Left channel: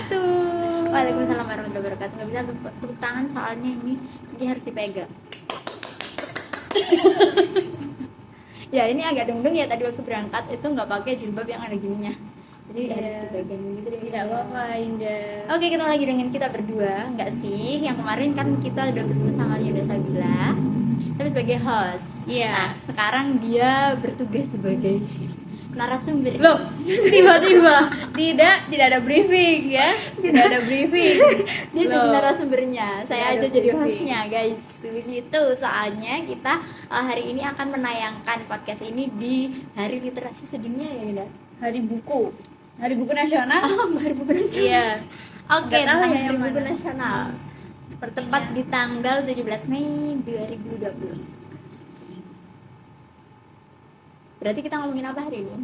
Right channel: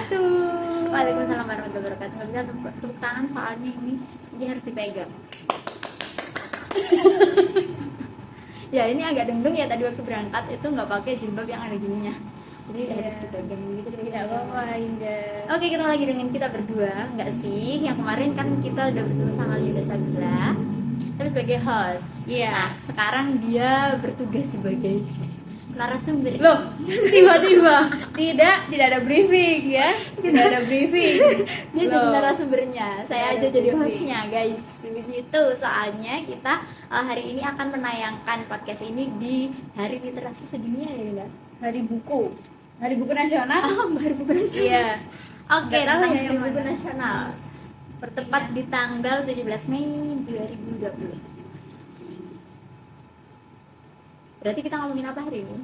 wabarakatuh. Waalaikumsalam warahmatullahi wabarakatuh. Nggak bisa tepuk tangan soalnya ini harus dipegang. Ya ini agak dengdung ya, tadi waktu berangkat itu nggak pakai jilbab yang ada gininya, jadi harus dipegang gitu. Tidak apa-apa Indah. Oke, ketemu lagi dengan kita berdua, nggak sih? Yang kemarin kan kita udah bertemu sama Yuda Sabila, tapi sebagai host. Iya. Nah, sekarang dia bertugas sebagai narasumber. Loh, tiba-tiba tidak ada briefing ya, tidak ada briefing. Dia jadi Loh. narasumbernya, saya Tidak aja ada jadi briefing. hostnya, guys. Begitu, soalnya kita hari ini akan menayangkan podcast ini di Hari Literasi Sedunia ya, Yuda. Hari buku nasional. Oh, Hari Buku Nasional. Iya. Oke, Nggak tahu tentang ya Hari yang Buku mana. Nasional. Bertepat Iya. di tanggal 17 Mei 2020. Berarti kita ngomongin apa hari ini?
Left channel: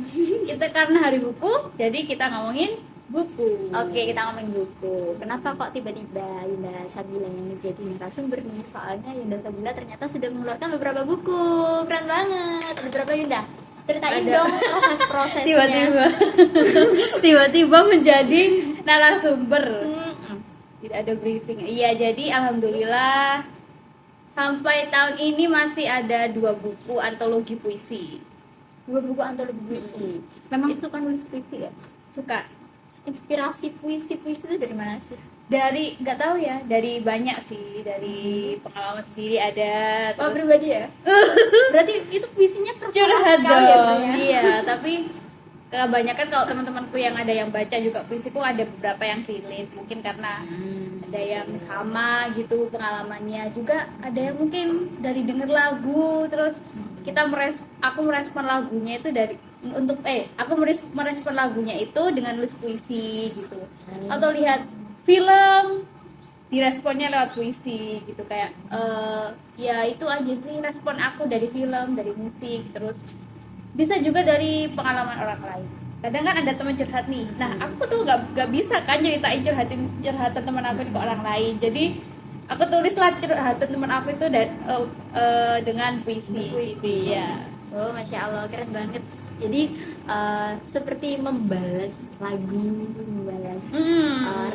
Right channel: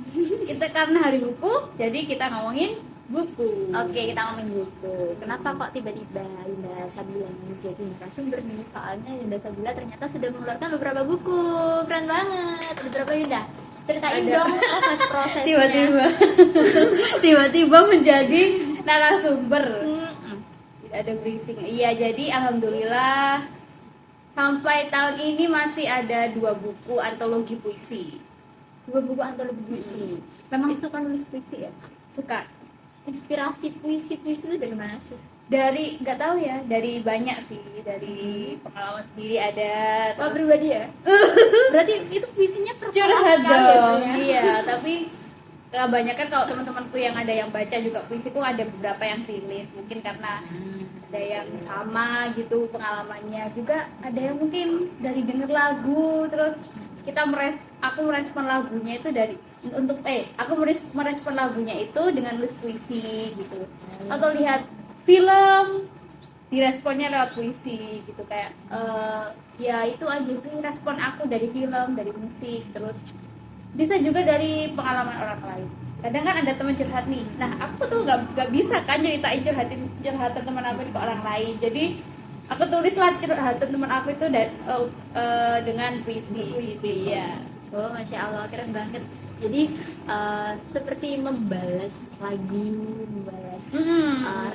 Kita karena hari buku, jadi kita ngomongin buku. Oke, kita ngomongin buku. Kenapa kok tiba-tiba Yunda Sabila yang menjadi narasumber nih? Soalnya Yunda Sabila ternyata sudah mengeluarkan beberapa buku. Keren banget. Beberapa Yunda. Ceritain Ada. dong proses-prosesnya. Tiba-tiba menjadi narasumber. Mm-mm. Tidak ada briefing. Iya, jadi alhamdulillah sampai tahun ini masih ada 2 buku antologi puisi. 2 buku antologi puisi. Memang suka nulis puisi ya? Suka. Inspirasi puisi-puisi itu dari mana sih? Dari nggak tahu ya, dari banyak sih, dari pengalaman sendiri ada. Oh, Terus pribadi ya? Berarti itu puisinya personal curhat sekali ya, dong. Bro, ya? Iya, tapi kebanyakan kalau teman-temanku yang ada yang baca juga puisiku ada beberapa yang relate, mungkin karena ada yang sama gitu pengalamannya, juga ada yang mungkin dari denger lagu terus aku merespon lagunya itu dari untuk aku merespon lagunya itu dengan nulis puisi gitu, atau lihat film diresponnya lewat puisi gitu, kayak ya itu aja sih respon aku dari film, dari musik, terus bisa juga dari pengalaman orang lain. Kadang kan ada teman curhat nih, nah aku tuh nggak bisa kan ceritain curhatan teman aku ke orang lain, jadi aku tulislah curhatan teman aku itu dengan puisi ya. Oh, Masya Allah, keren banget. Jadi seperti membalas lagu, membalas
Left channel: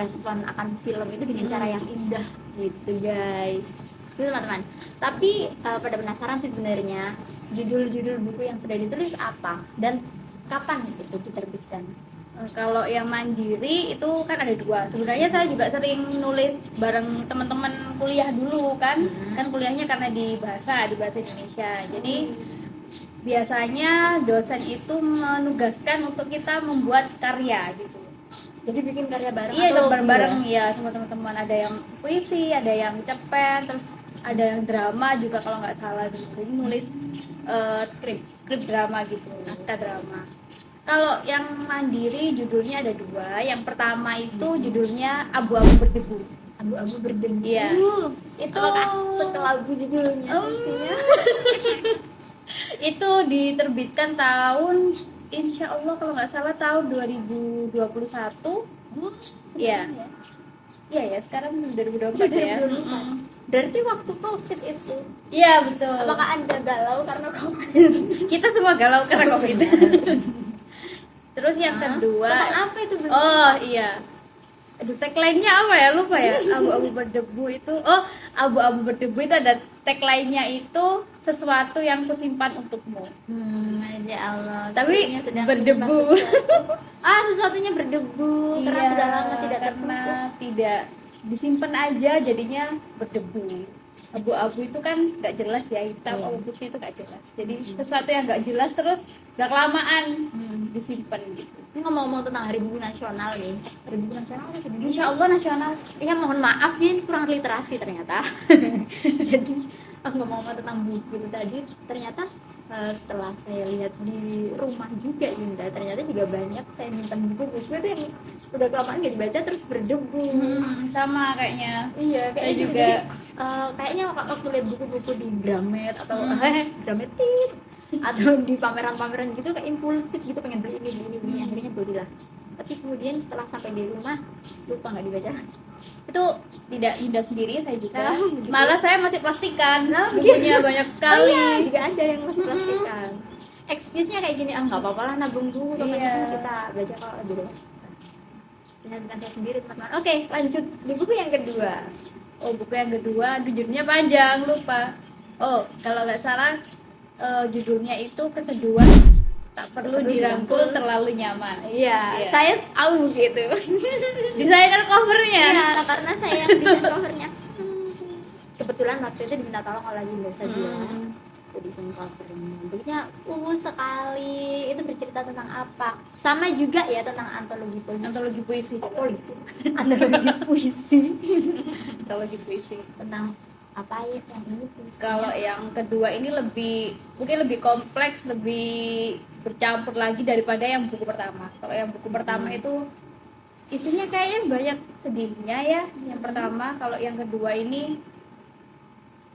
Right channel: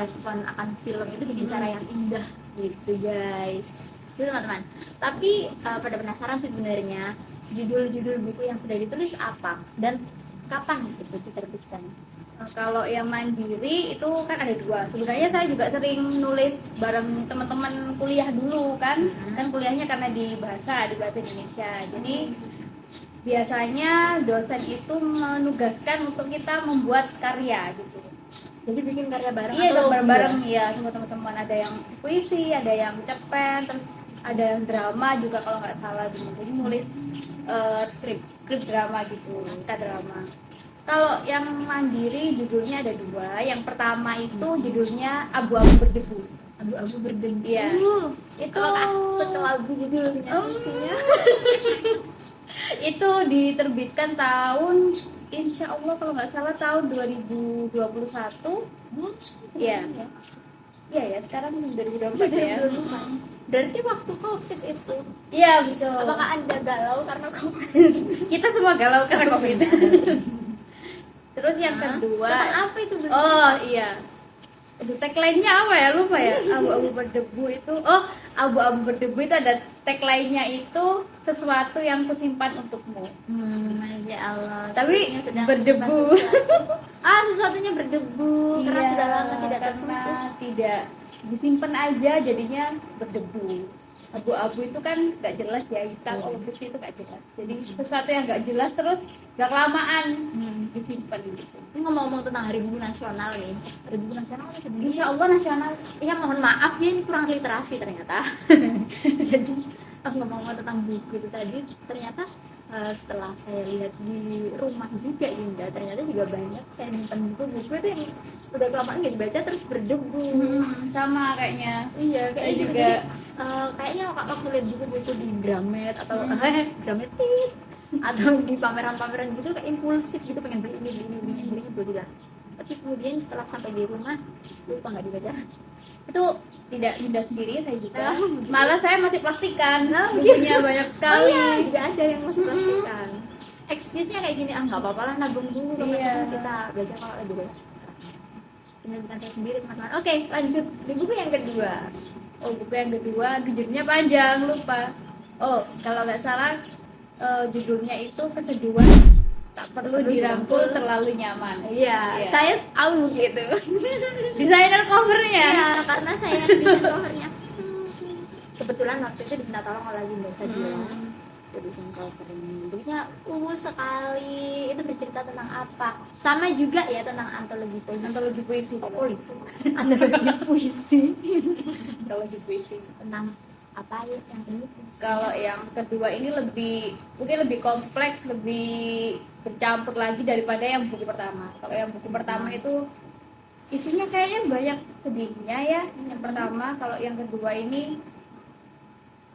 respon akan film itu dengan cara yang indah gitu, guys. Gitu teman-teman. Tapi pada penasaran sih sebenarnya judul-judul buku yang sudah ditulis apa dan kapan itu diterbitkan? Kalau yang mandiri itu kan ada 2. Sebenarnya saya juga sering nulis bareng teman-teman kuliah dulu kan, kan kuliahnya karena di bahasa Indonesia. Jadi biasanya dosen itu menugaskan untuk kita membuat karya gitu. Jadi bikin karya bareng? Iya, atau bareng-bareng ya sama teman-teman. Ada yang puisi, ada yang cerpen, terus ada yang drama juga kalau nggak salah. Jadi nulis skrip drama gitu, naskah drama. Kalau yang mandiri judulnya ada 2. Yang pertama itu judulnya Abu-abu berdebu. Abu-abu berdebu. Iya. Itu sekelabu judulnya pastinya. Itu diterbitkan tahun, insya Allah kalau nggak salah tahun 2021. Iya. Iya ya, sekarang 2024 ya. Berarti waktu COVID itu. Iya, betul. Apakah Anda galau karena COVID? Kita semua galau karena COVID. Terus yang kedua, apa itu? oh iya. Aduh, tagline-nya apa ya? Lupa ya. Abu-abu berdebu itu. Oh, abu-abu berdebu itu ada tagline-nya itu sesuatu yang kusimpan untukmu. Masya Allah. Tapi Sepertinya sedang berdebu. Sesuatunya berdebu karena sudah lama tidak tersentuh. karena tidak disimpan aja jadinya berdebu. Abu-abu itu kan nggak jelas ya, hitam atau putih itu nggak jelas. Jadi sesuatu yang nggak jelas terus nggak kelamaan disimpan gitu. Ini ngomong-ngomong tentang Hari Buku Nasional nih. Hari Buku Nasional kan sebenarnya. Insya Allah nasional. Ya mohon maaf ya, ini kurang literasi ternyata. Jadi aku ngomong tentang buku itu tadi, ternyata setelah saya lihat di rumah juga Yunda, ternyata juga banyak saya nyimpan buku itu yang udah kelamaan nggak dibaca terus berdebu. Sama kayaknya. Iya, Saya kayak juga. kayaknya aku lihat buku-buku di Gramet atau Gramet atau di pameran-pameran gitu kayak impulsif gitu, pengen beli ini akhirnya beli lah. Tapi kemudian setelah sampai di rumah lupa nggak dibaca. Itu tidak Yunda sendiri, saya juga. Begitu. Malah saya masih plastikan. Begitu. Bukunya banyak sekali. Iya, juga ada yang masih plastikan. Excuse-nya kayak gini, nggak apa-apa lah nabung dulu, Iya. kita baca kalau ada. dan bukan saya sendiri teman-teman. Oke, lanjut di buku yang kedua. Oh, buku yang kedua judulnya panjang, lupa. Oh, kalau nggak salah judulnya itu Keseduhan Tak Perlu Dirangkul Terlalu Nyaman. Iya, Iya. saya tahu gitu. Desainer covernya. Iya, karena saya yang desain covernya. Kebetulan waktu itu diminta tolong oleh Yunda Sabila. Jadi desain covernya bentuknya sekali. Itu bercerita tentang apa? Sama juga ya tentang Antologi puisi. antologi puisi Antologi puisi. tentang apa ya yang ini puisi. Kalau yang kedua ini mungkin lebih kompleks, lebih bercampur lagi daripada yang buku pertama. Kalau yang buku pertama itu isinya kayaknya banyak sedihnya ya. Yang pertama, kalau yang kedua ini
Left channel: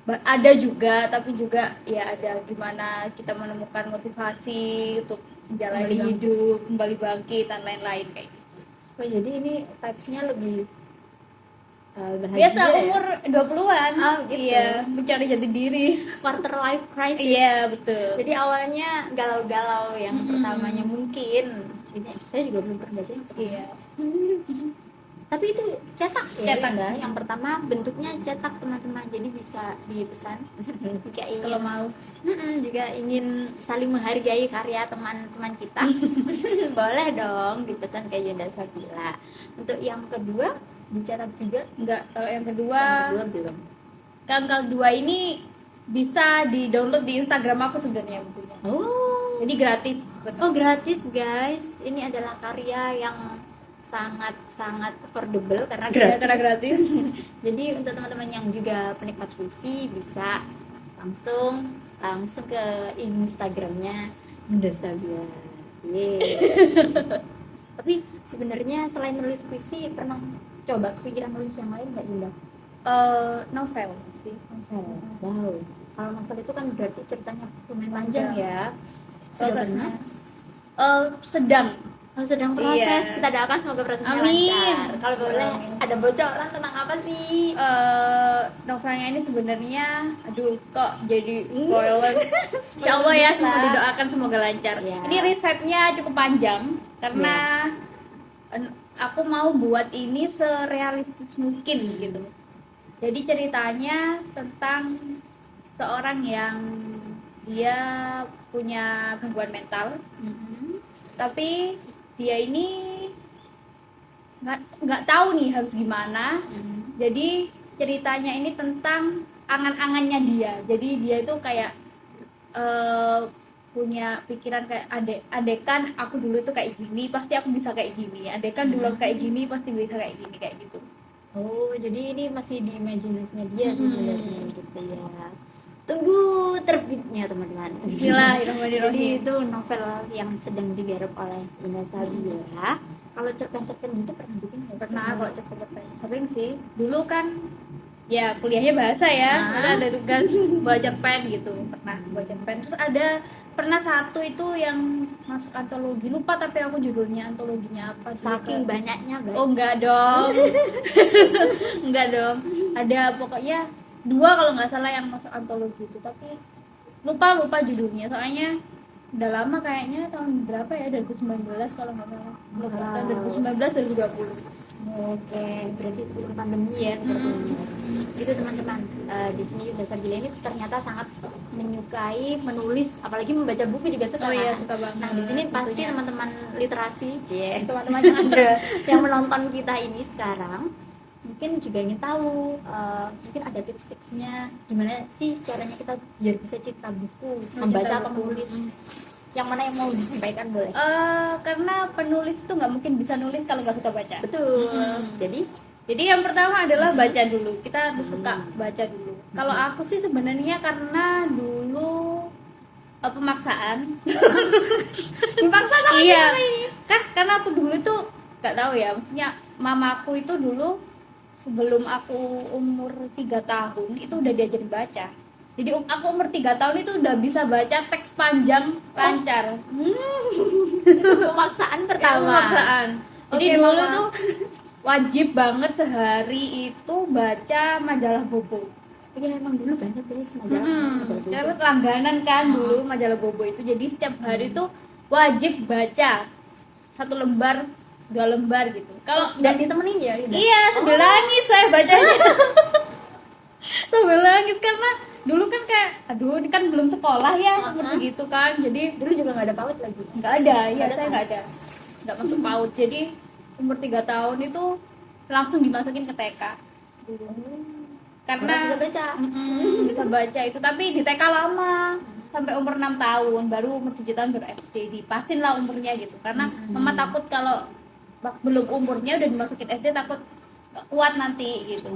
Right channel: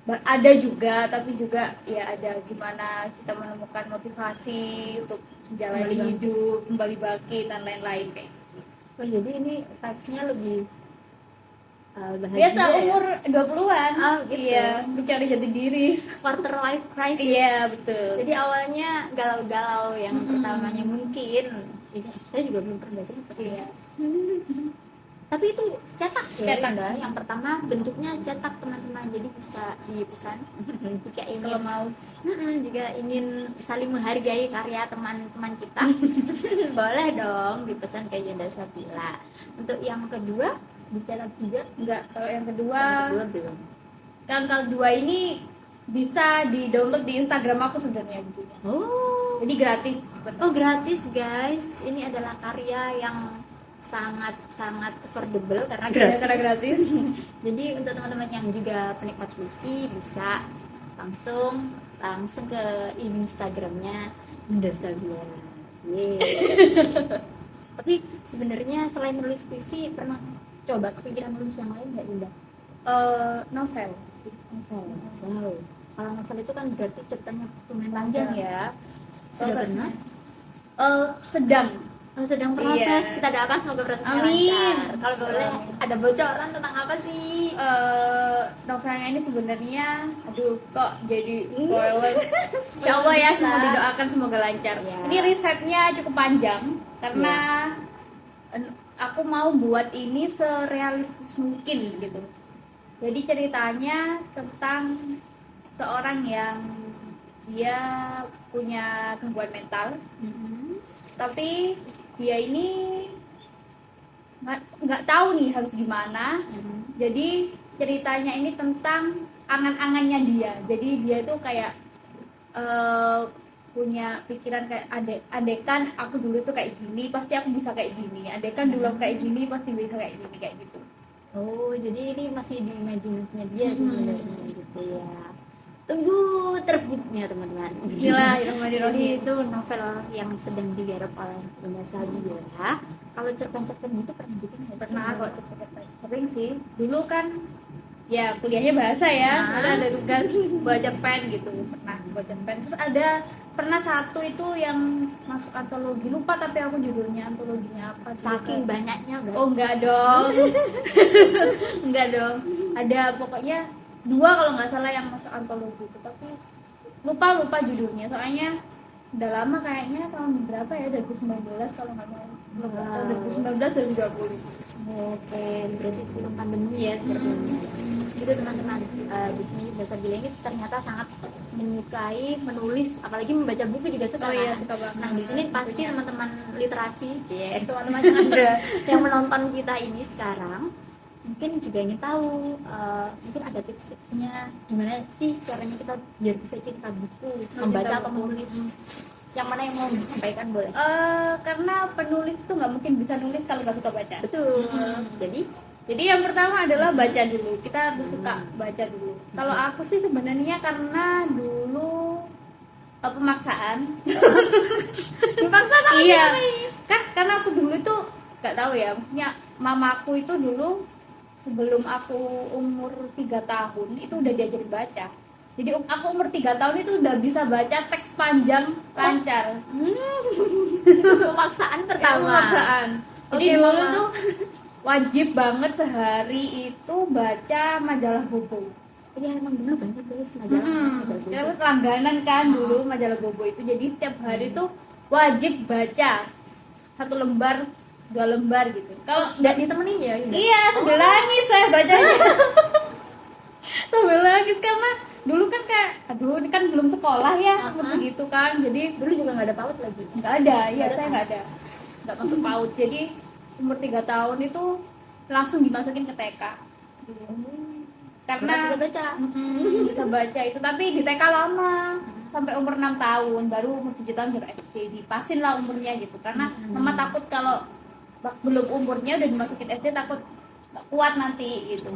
ada juga, tapi juga ya ada gimana kita menemukan motivasi untuk menjalani hidup, kembali bangkit dan lain-lain kayak gitu. Oh, jadi ini vibes-nya lebih bahagia Biasa ya? umur 20-an. Oh, gitu. Iya, mencari jati diri. Quarter life crisis. Iya, betul. Jadi awalnya galau-galau yang pertamanya mungkin. Saya juga belum pernah baca yang pertama. Iya. Tapi itu cetak ya. Cetak. Bunda? Yang pertama bentuknya cetak teman-teman. Jadi bisa dipesan jika ingin Kalau mau juga ingin saling menghargai karya teman-teman kita. Boleh dong dipesan ke Yunda Sabila. Untuk yang kedua dicetak juga. enggak, kalau yang kedua Yang kedua belum. kalau dua ini bisa di-download di Instagram aku sebenarnya bukunya. Oh. Jadi gratis, betul. Oh, gratis guys. Ini adalah karya yang sangat affordable karena gratis. Iya, karena gratis. Jadi untuk teman-teman yang juga penikmat puisi bisa langsung ke Instagramnya Yunda Sabila. Tapi sebenarnya selain nulis puisi pernah coba kepikiran nulis yang lain nggak Yunda? Novel sih. Novel. Wow. Kalau novel itu kan berarti ceritanya lumayan panjang ya. Sudah Prosesnya pernah? sedang. Sedang proses. Iya. Kita doakan semoga prosesnya Amin. lancar. Kalau boleh Amin. ada bocoran tentang apa sih? Novelnya ini sebenarnya aduh kok jadi spoiler. Insya Allah ya, semua didoakan semoga lancar. Ya. Ini risetnya cukup panjang karena aku mau buat ini serealistis mungkin gitu. Jadi ceritanya tentang seorang yang dia punya gangguan mental, tapi dia ini nggak tahu nih harus gimana. Jadi ceritanya ini tentang angan-angannya dia. Jadi dia itu kayak punya pikiran kayak adekan aku dulu tuh kayak gini pasti aku bisa kayak gini, adekan dulu aku kayak gini pasti bisa kayak gini, kayak gitu. Oh, jadi ini masih di imajinasinya dia sih sebenarnya gitu ya. Tunggu terbitnya teman-teman. Jadi Bismillahirrahmanirrahim. itu novel yang sedang digarap oleh Yunda Sabila. Kalau cerpen-cerpen itu pernah bikin nggak sih? Pernah kok cepet-cepet, sering sih. Dulu kan ya kuliahnya bahasa ya, ada tugas baca pen gitu, pernah baca pen. Terus pernah satu itu yang masuk antologi, lupa tapi aku judulnya antologinya apa. Saking banyaknya guys. Oh enggak dong. Enggak dong. Ada pokoknya 2 kalau nggak salah yang masuk antologi itu, tapi lupa judulnya. Soalnya udah lama kayaknya, tahun berapa ya, 2019 kalau nggak salah. Tahun 2019 2020. Oke, berarti sebelum pandemi ya sepertinya. Gitu teman-teman. Di sini Yunda Sabila ini ternyata sangat menyukai menulis, apalagi membaca buku juga suka. Oh iya, kan? suka banget. Nah, di sini pasti Bukunya. teman-teman literasi, teman-teman yang ada yang menonton kita ini sekarang mungkin juga ingin tahu, mungkin ada tips-tipsnya gimana sih caranya kita biar bisa cinta buku, membaca atau menulis. Yang mana yang mau disampaikan boleh? Karena penulis itu nggak mungkin bisa nulis kalau nggak suka baca. Betul. Jadi yang pertama adalah baca dulu. Kita harus suka baca dulu. Kalau aku sih sebenarnya karena dulu pemaksaan. Dipaksa sama Iya. Kan karena aku dulu tuh nggak tahu ya. Maksudnya mamaku itu dulu sebelum aku umur 3 tahun itu udah diajarin baca. Jadi aku umur 3 tahun itu udah bisa baca teks panjang lancar. Pemaksaan pertama. Pemaksaan. Jadi Oke, dulu Mama. tuh wajib banget sehari itu baca majalah Bobo. Iya emang dulu banyak guys majalah. Karena langganan kan dulu majalah Bobo itu. Jadi setiap hari tuh wajib baca 1 lembar 2 lembar gitu. Kalau nggak ditemenin ya Yunda? iya sambil nangis saya bacanya. Sambil nangis karena dulu kan kayak aduh ini kan belum sekolah ya umur segitu kan, jadi Dulu juga nggak ada PAUD lagi. nggak ada ya, Nggak ada, saya kan? nggak masuk PAUD, jadi umur 3 tahun itu langsung dimasukin ke TK karena Bisa baca. bisa baca itu, tapi di TK lama sampai umur 6 tahun, baru umur 7 tahun baru SD dipasin lah umurnya gitu, karena mama takut kalau belum umurnya udah dimasukin SD takut nggak kuat nanti gitu.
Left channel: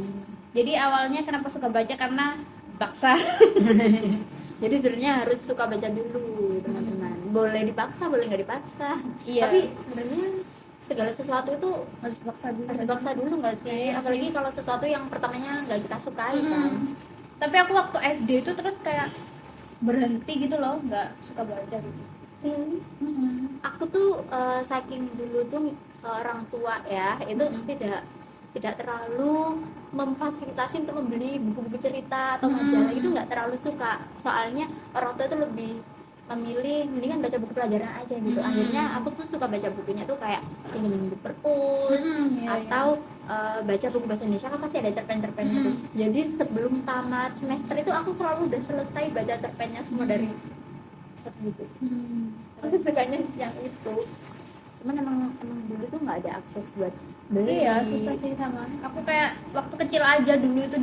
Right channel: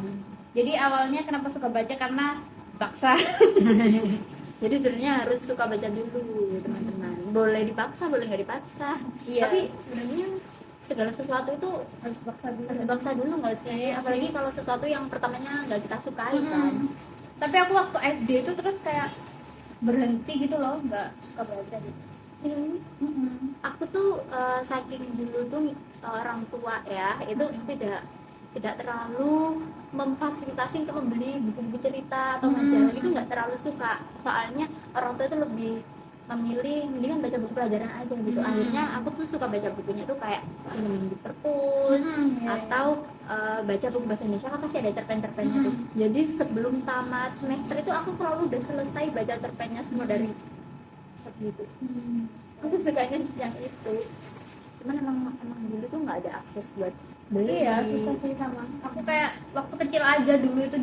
Jadi awalnya kenapa suka baca karena paksa. Jadi dulunya harus suka baca dulu teman-teman. Boleh dipaksa, boleh nggak dipaksa. Iya. Tapi sebenarnya segala sesuatu itu Harus paksa dulu. harus dipaksa dulu nggak sih? Iya Apalagi sih. kalau sesuatu yang pertamanya nggak kita sukai kan. Tapi aku waktu SD itu terus kayak berhenti gitu loh, nggak suka baca gitu. Aku tuh saking dulu tuh orang tua ya itu tidak terlalu memfasilitasi untuk membeli buku-buku cerita atau majalah, itu nggak terlalu suka. Soalnya orang tua itu lebih memilih mendingan baca buku pelajaran aja gitu. Akhirnya aku tuh suka baca bukunya tuh kayak ini di perpus atau baca buku bahasa Indonesia kan pasti ada cerpen-cerpennya tuh. Jadi sebelum tamat semester itu aku selalu udah selesai baca cerpennya semua dari satu buku. Aku sukanya yang itu. Cuman emang dulu tuh nggak ada akses buat beli. Iya susah sih sama. Aku kayak waktu kecil aja dulu itu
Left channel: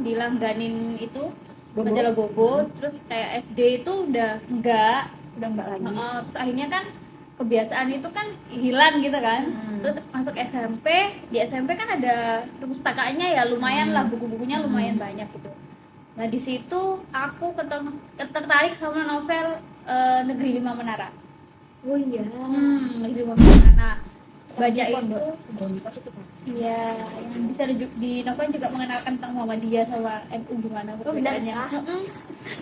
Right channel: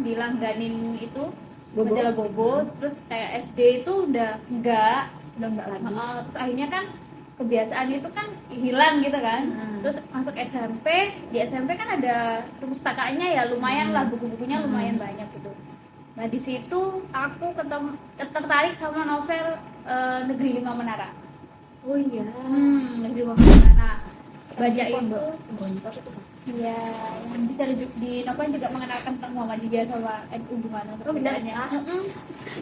dilangganin itu Bobo. majalah Bobo, terus kayak SD itu udah enggak. Udah nggak lagi. Terus akhirnya kan kebiasaan itu kan hilang gitu kan. Terus masuk SMP, di SMP kan ada perpustakaannya ya lumayan lah, buku-bukunya lumayan banyak gitu. Nah di situ aku tertarik sama novel Negeri Lima Menara. Oh iya. Negeri Lima Menara. Nah, baca itu iya, yang bisa di novel juga mengenalkan tentang Muhammadiyah sama NU gimana perbedaannya.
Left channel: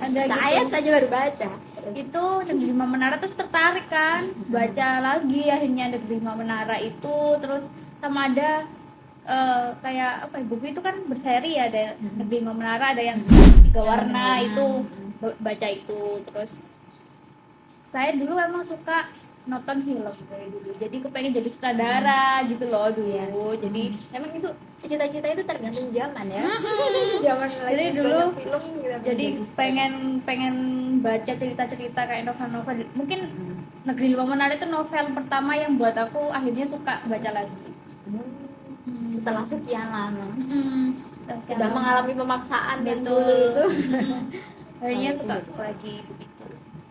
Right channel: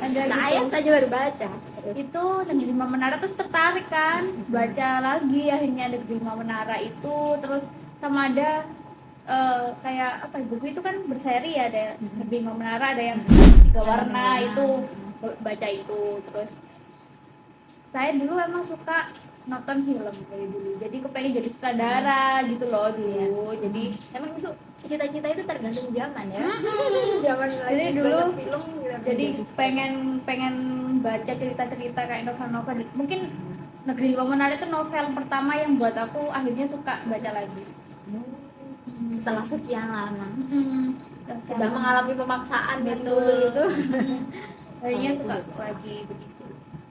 Ada Saya gitu. saja baru baca. Itu Negeri Lima Menara terus tertarik kan, baca lagi akhirnya Negeri Lima Menara itu, terus sama ada kayak apa ya, buku itu kan berseri ya, ada Negeri Lima Menara, ada yang 3 warna itu, baca itu. Terus saya dulu emang suka nonton film dari dulu, jadi kepengen jadi sutradara gitu loh dulu. Jadi Emang itu cita-cita itu tergantung zaman ya. Zaman Jadi lagi dulu, banyak film gitu. jadi pengen baca cerita-cerita kayak novel-novel. Mungkin Negeri Lima Menara itu novel pertama yang buat aku akhirnya suka baca lagi. Setelah sekian lama sudah Lama. mengalami pemaksaan dan Betul. dulu itu Akhirnya suka lagi begitu.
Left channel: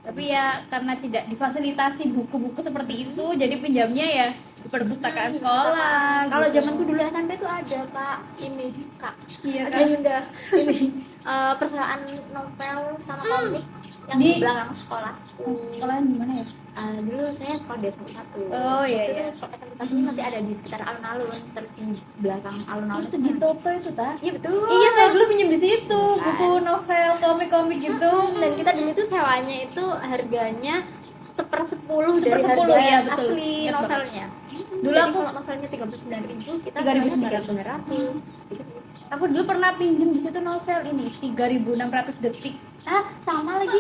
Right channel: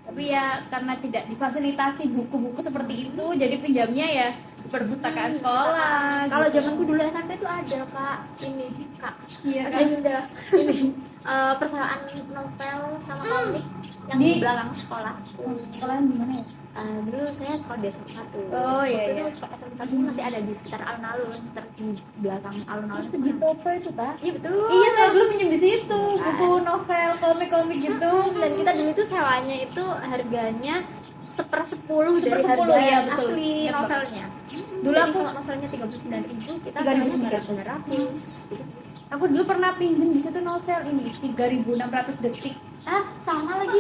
Tapi ya karena tidak difasilitasi buku-buku seperti itu, jadi pinjamnya ya di perpustakaan sekolah. Kalau gitu. zamanku dulu SMP tuh ada Kak, ini Kak. Iya Ada kan? Yunda ini persamaan novel sama komik yang Di- di belakang sekolah. Sekolah di mana ya? Dulu saya sekolah di SMP 1. Oh, iya, iya. SMP 1 ini masih ada di sekitar alun-alun, di belakang alun-alun. Itu di Toto itu tak? Iya betul. Iya, saya dulu pinjam di situ buku novel, komik-komik gitu. Dan kita dulu itu sewanya itu harganya 1/10 dari 1/10, harga iya, betul. asli Ingat banget. novelnya. Dulu Jadi aku- kalau novelnya 39.000, kita 3.900. 3.900. Aku dulu pernah pinjam di situ novel ini 3.600 detik. Sama lagi.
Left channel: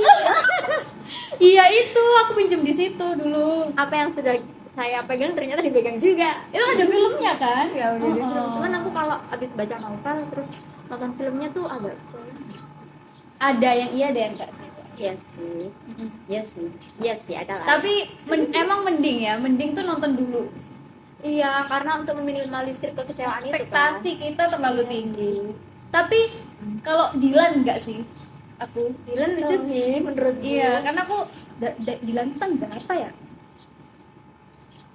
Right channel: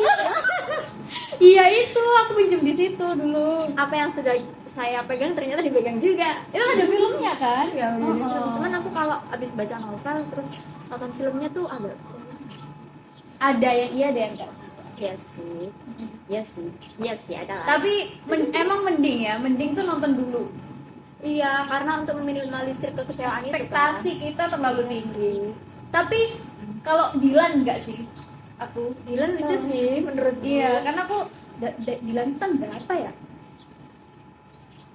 Iya itu aku pinjam di situ dulu. Apa yang sudah saya pegang ternyata dipegang juga. Itu ada filmnya kan? Ya udah Oh. di film. Cuman aku kalau habis baca novel terus nonton filmnya tuh agak kecewa. Ada yang iya, ada yang enggak sih. Iya sih. Iya sih. Iya sih ada. lah. Tapi emang mending ya, mending tuh nonton dulu. Iya, karena untuk meminimalisir kekecewaan Ekspektasi itu kan. kita terlalu tinggi. Tapi kalau Dilan enggak sih? Aku Dylan lucu sih menurut iya, karena aku Dilan itu kan berapa ya?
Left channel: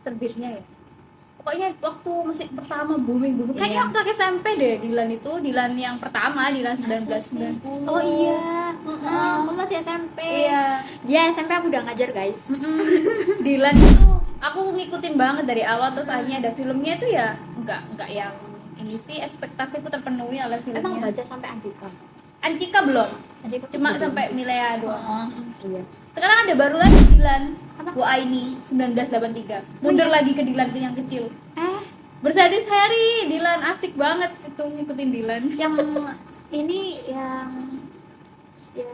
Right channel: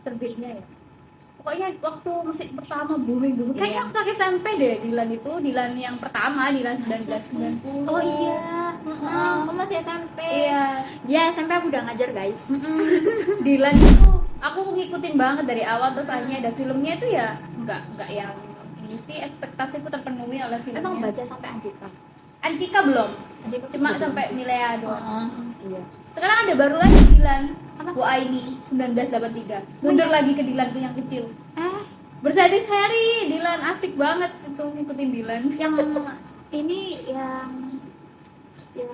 Terbitnya ya. Pokoknya waktu musik pertama booming. Kayaknya waktu SMP deh Dilan itu, Dilan yang pertama, Dilan 1990. Oh iya. Aku masih SMP. Iya. Dia SMP aku udah ngajar guys. Dilan itu aku ngikutin banget dari awal, terus akhirnya ada filmnya itu ya enggak yang ini sih, ekspektasiku terpenuhi oleh filmnya. Emang baca sampai Anjika. Anjika belum, Anjika cuma belum. sampai Milea doang. Iya. Sekarang ada baru lagi Dilan Bu Aini 1983, mundur lagi ke Dilan yang kecil. Berseri-seri Dilan, asik banget itu ngikutin Dilan. Yang ini yang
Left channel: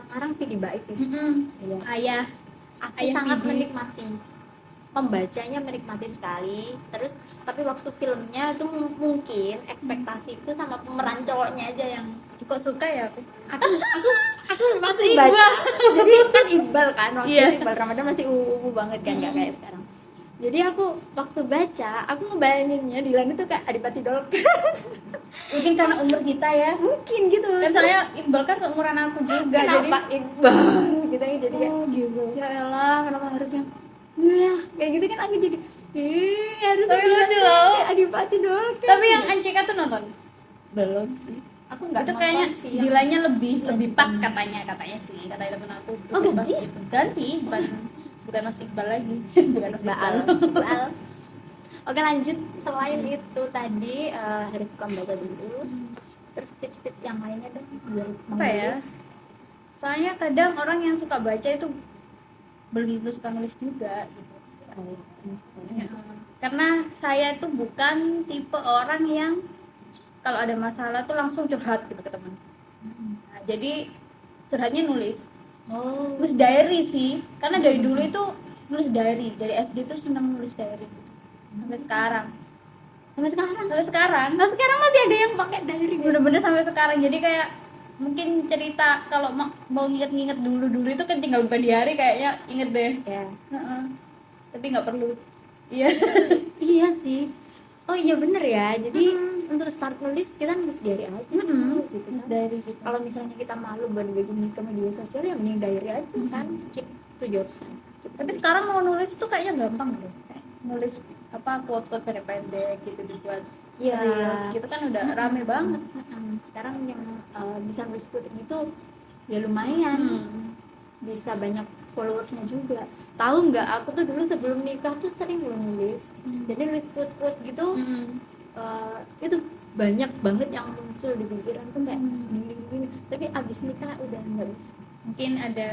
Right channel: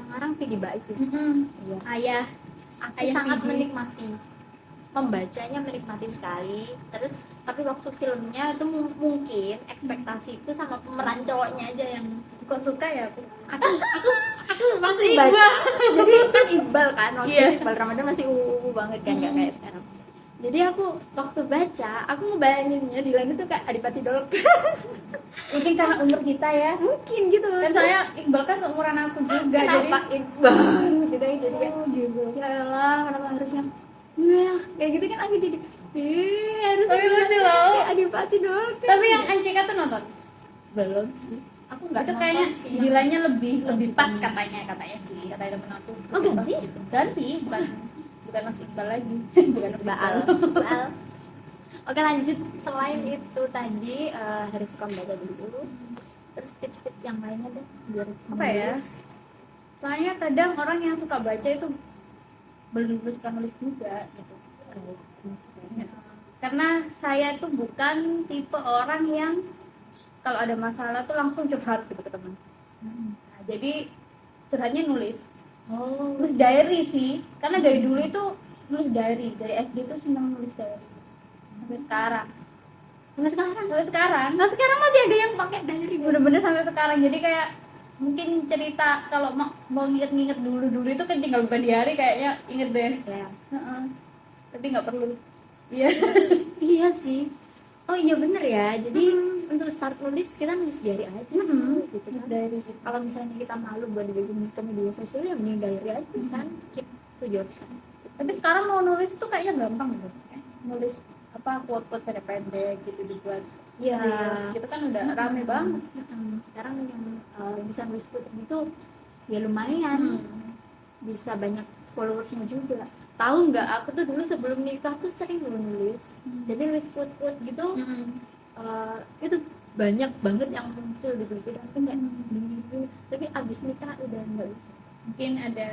ngarang Pidi Baik itu. Iya. Ayah Aku Ayah sangat Pidi. menikmati. membacanya menikmati sekali. Terus tapi waktu filmnya itu mungkin ekspektasiku sama pemeran cowoknya aja yang Kok suka ya aku? aku Masuk baca. Iqbal. Jadi kan Iqbal kan waktu Iya. itu Iqbal Ramadan masih ungu banget kan, nggak kayak sekarang. Jadi aku waktu baca, aku ngebayanginnya Dilan itu kayak Adipati Dolken. Mungkin karena umur kita ya. Mungkin gitu Kan soalnya Iqbal kan seumuran aku juga, jadi kenapa Iqbal gitu ya, jadi kayak, oh gitu. ya elah kenapa harusnya kayak gitu kan, aku jadi harus Tapi lucu loh. Adipati Dolken. Tapi yang Ancika tuh nonton? belum sih, aku nggak Itu nonton kayaknya sih. lebih lebih Lanjutan. pas katanya sih, katanya temen aku. Oh, Lebih pas ganti? gitu. Ganti, bukan Mas Iqbal lagi. Bukan Mas Baal. Iqbal. Baal. Oke, lanjut. Selain itu tadi harus suka baca dulu. Terus tips-tips yang lainnya deh biar Apa ya? menulis. Soalnya kadang orang yang suka baca itu belum tentu suka nulis juga gitu. Ya, karena saya tuh bukan tipe orang yang kalau ada masalah tuh langsung curhat gitu ke teman. Nah, jadi curhatnya nulis diary sih, karena dari dulu itu nulis diary, dari SD tuh seneng nulis diary sampai sekarang Sampai sekarang. Nah, sekarang masih ada yang pakai diary. guys. bener-bener sampai sekarang. Jadi kayak mungkin cerita kalau mau nginget-nginget dulu itu kan tinggal buka diary kayaknya inget deh. Ya. Heeh. Tapi nggak perlu. Iya. Iya sih. Oh iya bener ya. Jadi untuk start nulis kita nulis diary aja. Gitu Nulis kan. diary gitu. Kalau misalnya kita malu buat dibikin ke media sosial, ya mending diary aja kan. Keep to yourself. Tapi sekarang mau nulis tuh kayaknya gampang deh. Nulis apa quote-quote pendek-pendek gitu dibuat Iya. reels gitu kan udah rame banget. Sekarang yang bisa nulis quoting itu ya lumayan, bisa banyak followersnya juga. Tahu nggak, aku tuh dulu sebelum nikah tuh sering nulis, jadi nulis quote gitu. Itu banyak banget yang muncul di pikiran tuh kayak gini. Tapi abis nikah udah nggak bisa. Mungkin ada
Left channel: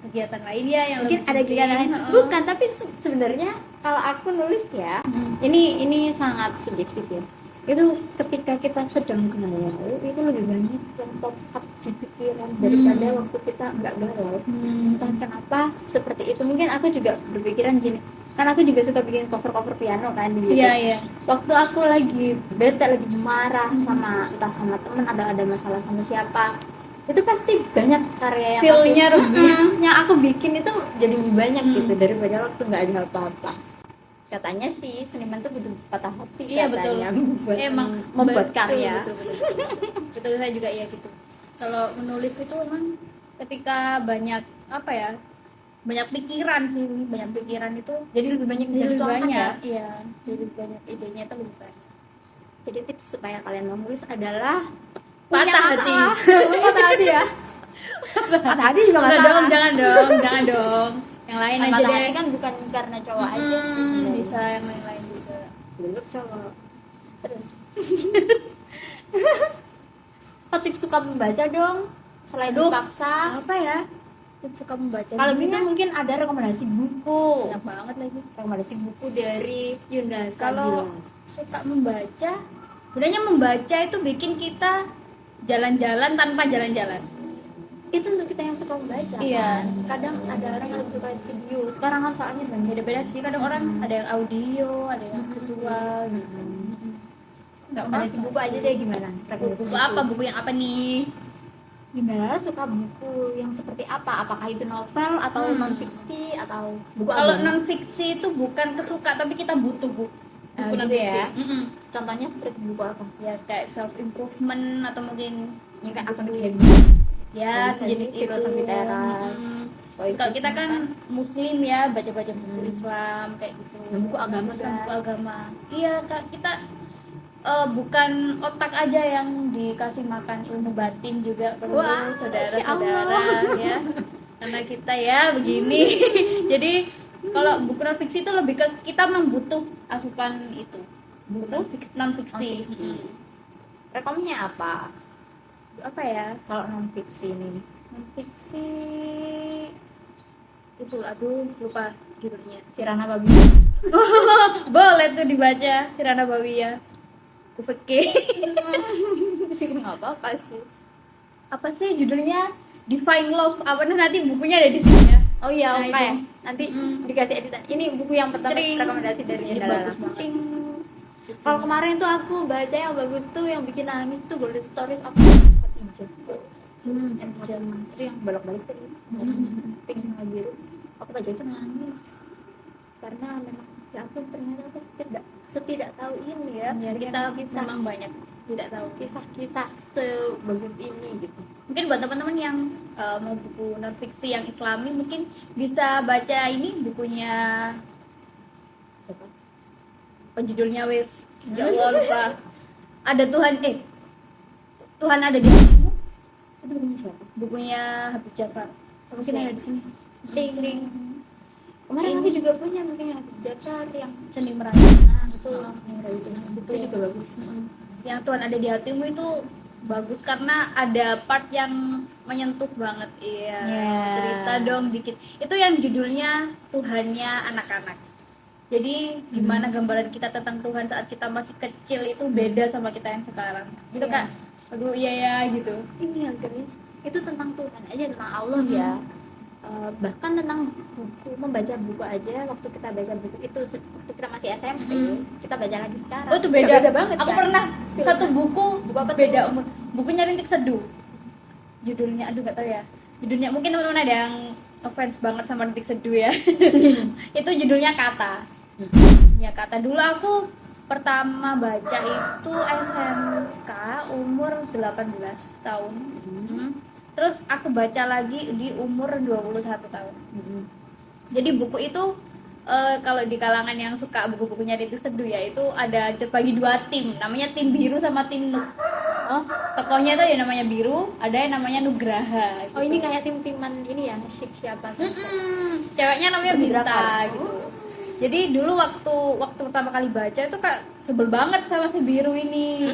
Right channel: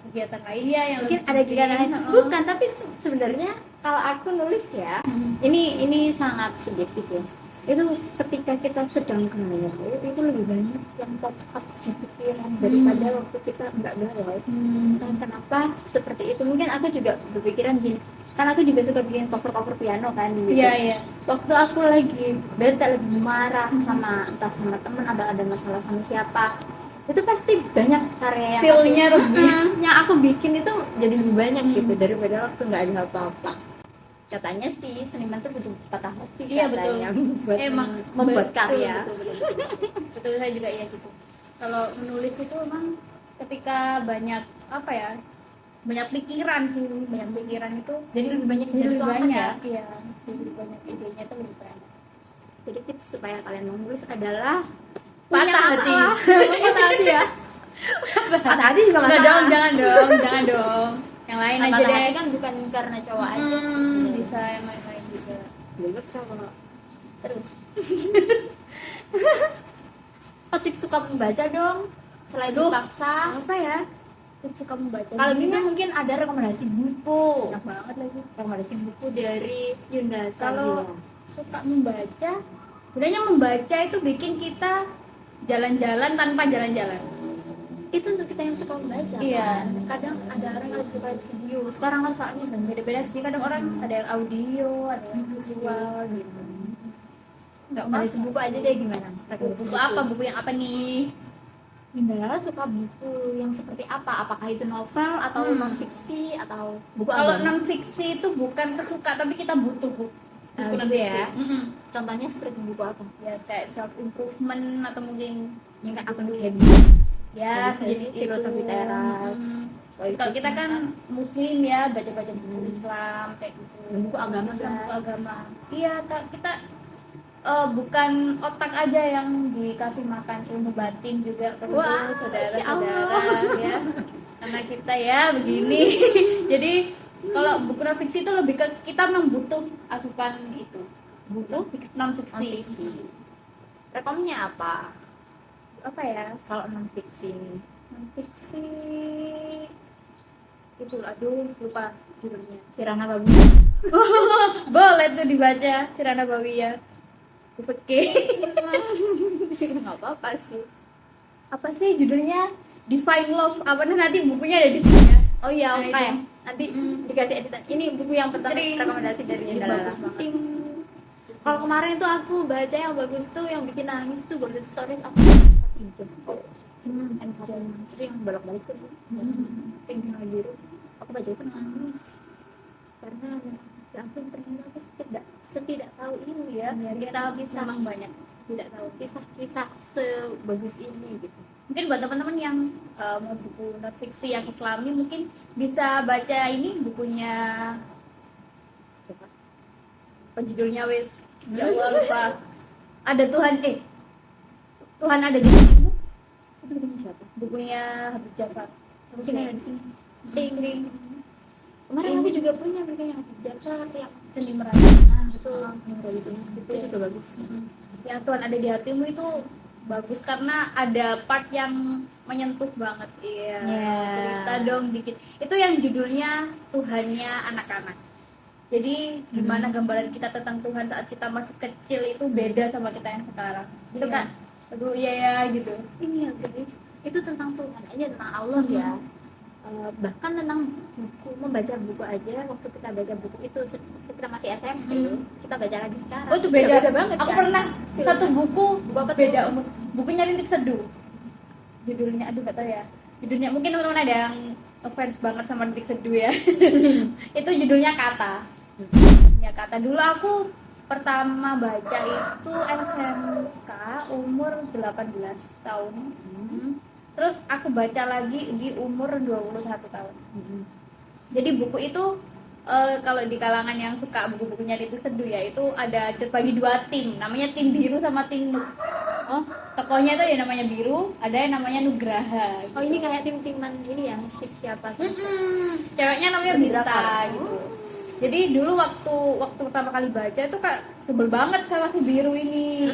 kegiatan lain ya yang Mungkin lebih ada kegiatan lain. penting. Bukan, tapi sebenarnya kalau aku nulis ya, ini sangat subjektif ya. Itu ketika kita sedang galau itu lebih banyak yang pop up di pikiran daripada waktu kita nggak galau. Entah kenapa seperti itu. Mungkin aku juga berpikiran gini, kan aku juga suka bikin cover piano kan gitu. Iya. Waktu aku lagi bete, lagi marah sama entah sama temen, ada masalah sama siapa, itu pasti banyak karya yang Feel-nya yang aku bikin itu jadi lebih banyak gitu daripada waktu nggak ada apa-apa. Katanya sih seniman tuh butuh patah hati, Iya, betul. katanya, membuat betul, karya. betul saya juga iya gitu. Kalau menulis itu emang ketika banyak apa ya, banyak pikiran itu Jadi lebih banyak jadi lebih dituangkan banyak ya. iya, jadi lebih banyak idenya itu lebih banyak. Jadi tips supaya kalian menulis adalah Patah punya hati. masalah. Patah hati ya. Patah hati juga Enggak masalah. dong, jangan dong. Yang lain aja Patah deh. hati kan bukan karena cowok aja sih sebenarnya. Bisa yang lain juga. Belum cowok. Terus tips suka membaca dong selain Aduh. dipaksa. Apa ya? Tips suka membaca. Kalau Gini gitu ya, mungkin ada rekomendasi buku. banyak banget lagi. Rekomendasi buku dari Yunda Kalau Sabila. suka membaca, sebenarnya membaca itu bikin kita jalan-jalan tanpa jalan-jalan. Itu untuk kita yang suka membaca. Iya. kan? Kadang ada orang yang suka video. Sekarang kan soalnya banyak. Beda-beda sih, kadang orang ada yang audio, ada yang visual gitu. Enggak Rekomendasi buku aja deh gimana? Rekomendasi buku apa? Buku yang apa nih? Yunda suka buku yang seperti apa? Apakah itu novel atau non fiksi atau buku Kalau agama? non fiksi itu bukan kesuka, tapi kita butuh buku Gitu non fiksi. ya. Contohnya seperti buku apa? Ya kayak self improvement atau mungkin Yang kayak Atomic Habits. ya Habits, sejenis filosofi itu. teras. Terus kalau kita kan muslim ya, baca-baca buku Islam kayak gitu. Dan buku agama, Buku guys. agama. Iya, Kak, kita bukan otak aja yang dikasih makan, ilmu batin juga perlu, Wah, saudara-saudara Masya ya. Karena kita ya begini. Jadi kalau buku non fiksi itu lebih ke kita membutuh asupan itu. Buku non fiksi. Rekomnya apa? Apa ya? Kalau non fiksi ini? Non fiksi itu lupa judulnya. Sirana Babi. Boleh tuh dibaca Sirana Bawiyah. Kufeke. Sih nggak apa-apa sih. Apa sih judulnya? Divine Love. Apa nih, nanti bukunya ada di sini ya. Oh iya, Nah, oke. itu. Nanti dikasih editan. Ini buku yang pertama Sering. rekomendasi dari Ini Indra. bagus banget. Ting. Kalau kemarin tuh aku baca yang bagus tuh yang bikin nangis tuh Golden Stories of Hijau. And Fatima. Itu yang bolak-balik tuh. Pink sama biru. Aku baca itu nangis. Karena ya ampun, ternyata aku setidak tahu ini ya. Ya, kita kisah memang banyak tidak tahu. kisah sebagus ini gitu. Mungkin buat teman-teman yang mau buku non fiksi yang Islami mungkin bisa baca ini bukunya apa judulnya wes ya Allah lupa. Ada Tuhan ada di hatimu. Itu bukunya siapa? Bukunya Habib Jafar. Mungkin Siapa? ada di sini. Ting ting. Kemarin aku juga punya bukunya Jafar yang Seni Merayap. betul. Itu juga bagus. Yang Tuhan ada di hatimu itu bagus karena ada part yang menyentuh banget. Iya. Yeah. Cerita dong dikit. Itu yang judulnya Tuhannya anak-anak. Jadi gimana gambaran kita tentang Tuhan saat kita masih kecil itu beda sama kita yang sekarang. Gitu Iya. kan? Aduh iya ya gitu. Ini ya guys, itu tentang Tuhan aja, tentang Allah ya. Bahkan tentang buku, membaca buku aja, waktu kita baca buku itu waktu kita masih SMP, kita baca lagi sekarang. Oh itu beda, banget. Aku kan? pernah Filmnya. satu buku Buku apa tuh? beda umur. Bukunya Rintik Seduh. Judulnya aduh gak tahu ya. Judulnya mungkin teman-teman ada yang ngefans banget sama Rintik Seduh ya. Itu judulnya Kata. Ya Kata dulu aku pertama baca itu SMK umur 18 tahun. Terus aku baca lagi di umur 21 tahun. Jadi buku itu kalau di kalangan yang suka buku-bukunya Rintik Seduh ya itu ada terbagi dua tim, namanya tim biru sama tim Nuk. Tokohnya tuh ada yang namanya biru, ada yang namanya Nugraha. Oh ini kayak tim-timan ini ya, siapa? Ceweknya namanya Seperti Binta drakor. gitu. Jadi dulu waktu pertama kali baca tuh kak sebel banget sama si biru ini.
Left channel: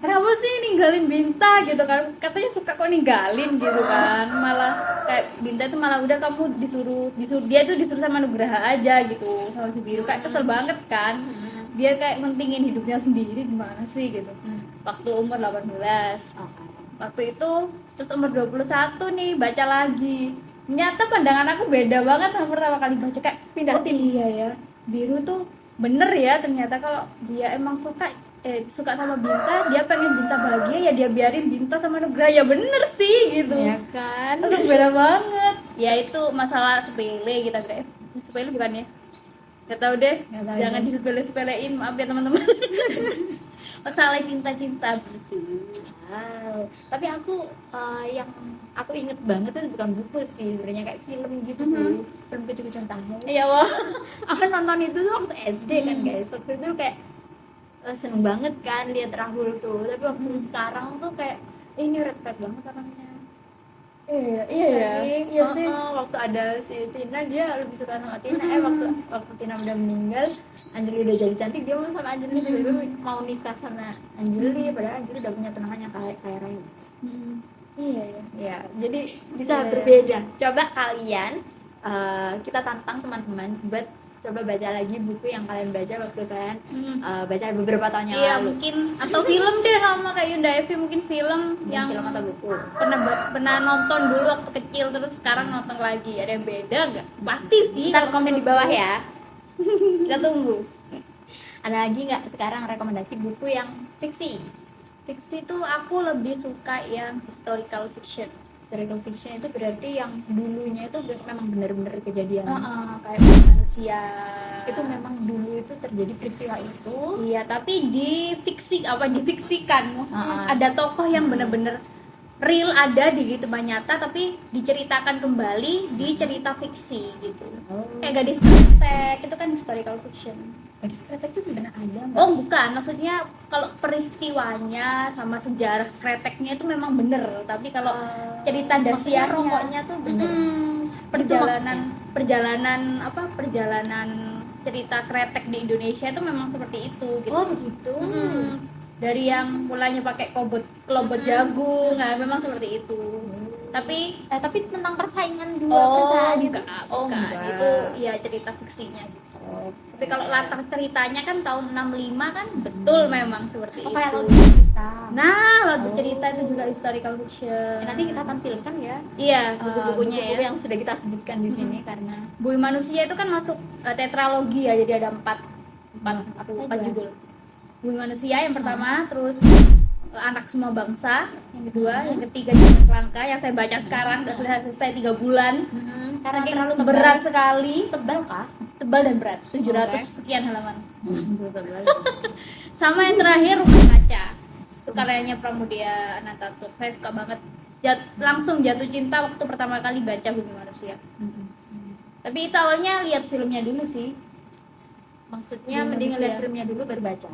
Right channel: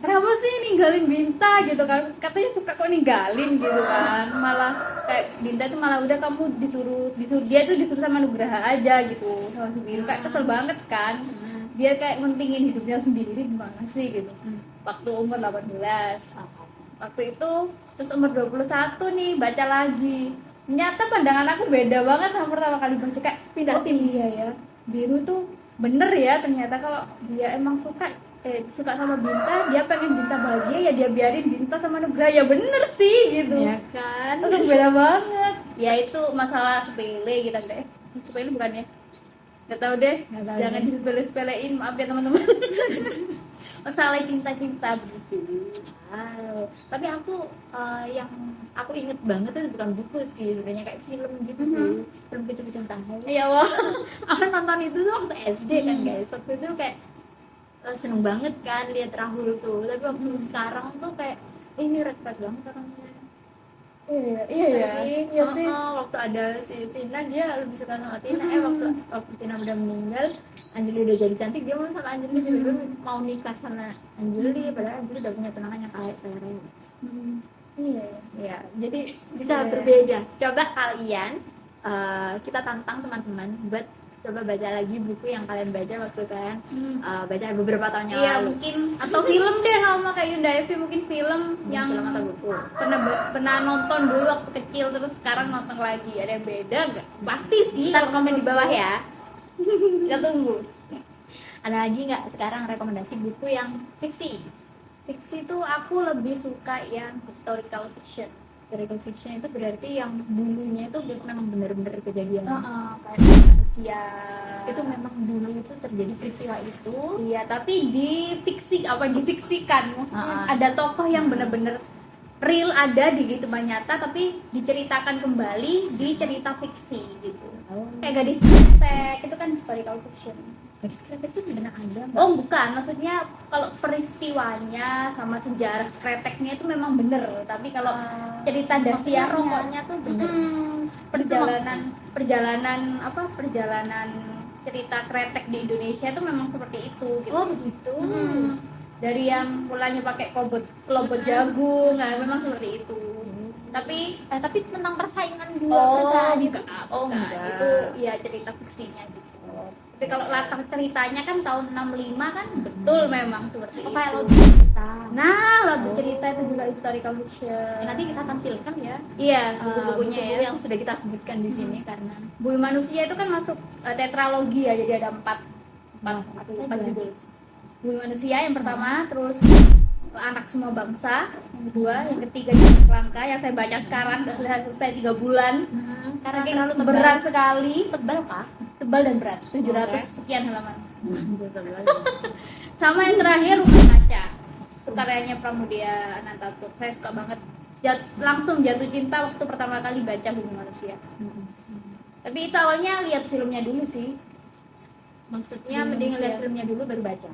Kenapa sih ninggalin Binta gitu kan? Katanya suka kok ninggalin gitu kan. Malah kayak Binta tuh malah udah kamu disuruh dia tuh disuruh sama Nugraha aja gitu sama si biru. Kayak kesel banget kan. Dia kayak mentingin hidupnya sendiri gimana sih gitu. Waktu umur 18. Waktu itu terus umur 21 nih baca lagi. Ternyata pandangan aku beda banget sama pertama kali baca kayak Pindah oh, tim. iya ya biru tuh bener ya ternyata kalau dia emang suka sama Binta, dia pengen Binta bahagia ya dia biarin Binta sama Nugraha ya bener sih gitu. Ya kan? Itu beda banget. Ya itu masalah sepele kita deh. Sepele bukan ya? Gak tahu deh. Nggak tahu Jangan ya. disepele-sepelein, maaf ya teman-teman. Masalah cinta-cinta gitu. Wow. Tapi aku yang aku inget banget itu bukan buku sih, sebenarnya kayak film gitu sih. Film Kucu-Kucuan Tahu. Iya wah. Aku nonton itu tuh waktu SD kan guys. Waktu itu kayak seneng banget kan lihat Rahul tuh. Tapi waktu sekarang tuh kayak ini red flag banget orangnya. Iya Iya sih. Waktu ada si Tina dia lebih suka sama Tina. Waktu Tina udah meninggal, Anjali udah jadi cantik, dia mau sama Anjali tiba-tiba mau nikah sama Anjali, padahal Anjali udah punya tunangan yang kayak Raya. Iya. Ya, jadi bisa Iya. berbeda. Coba kalian kita tantang teman-teman buat coba baca lagi buku yang kalian baca waktu kalian baca beberapa tahun yang Iya lalu. mungkin atau film deh sama kayak Yunda Evi mungkin film yang Film atau buku. pernah nonton dulu waktu kecil terus sekarang nonton lagi ada yang beda nggak? Pasti sih. Ntar komen di bawah ya. Kita tunggu. Ada lagi nggak sekarang rekomendasi buku yang fiksi? Fiksi tuh aku lebih suka yang historical fiction. Historical fiction itu berarti yang dulunya itu memang benar-benar kejadian. Kayak manusia. Itu memang dulu itu terjadi peristiwa itu. Iya, tapi difiksikan. Ah. Ada tokoh yang benar-benar real ada di kehidupan nyata tapi diceritakan kembali di cerita fiksi gitu. Kayak Gadis Kretek itu kan historical fiction. Gadis Kretek itu benar ada nggak? Oh bukan, maksudnya kalau peristiwanya sama sejarah kreteknya itu memang bener, tapi kalau cerita Maksudnya dasiarnya rokoknya tuh benar. perjalanan cerita kretek di Indonesia itu memang seperti itu gitu. Oh gitu. Dari yang mulanya pakai kelobot jagung, nah, memang seperti itu. Tapi tentang persaingan dua perusahaan itu. enggak. Itu ya cerita fiksinya gitu. Tapi kalau latar ceritanya kan tahun 65 kan betul memang seperti itu. Kayak lagu cerita. Nah, lagu cerita itu juga historical fiction. Nanti kita tampilkan ya Iya, buku-bukunya buku-buku ya. yang sudah kita sebutkan di sini karena Bumi Manusia itu kan masuk tetralogi ya, jadi ada empat saja. judul. Bumi Manusia yang pertama, terus Anak Semua Bangsa yang kedua, yang ketiga Jejak Langkah yang saya baca sekarang udah selesai 3 bulan. karena Saking terlalu tebal. berat sekali, Tebal kah? tebal dan berat, 700 Oke. sekian halaman. Tebal. Sama yang terakhir Rumah Kaca, itu karyanya Pramudia Anantatur. Saya suka banget, langsung jatuh cinta waktu pertama kali baca Bumi Manusia. Tapi itu awalnya lihat filmnya dulu sih. Maksudnya Bumi mending Manusia. lihat filmnya dulu baru baca.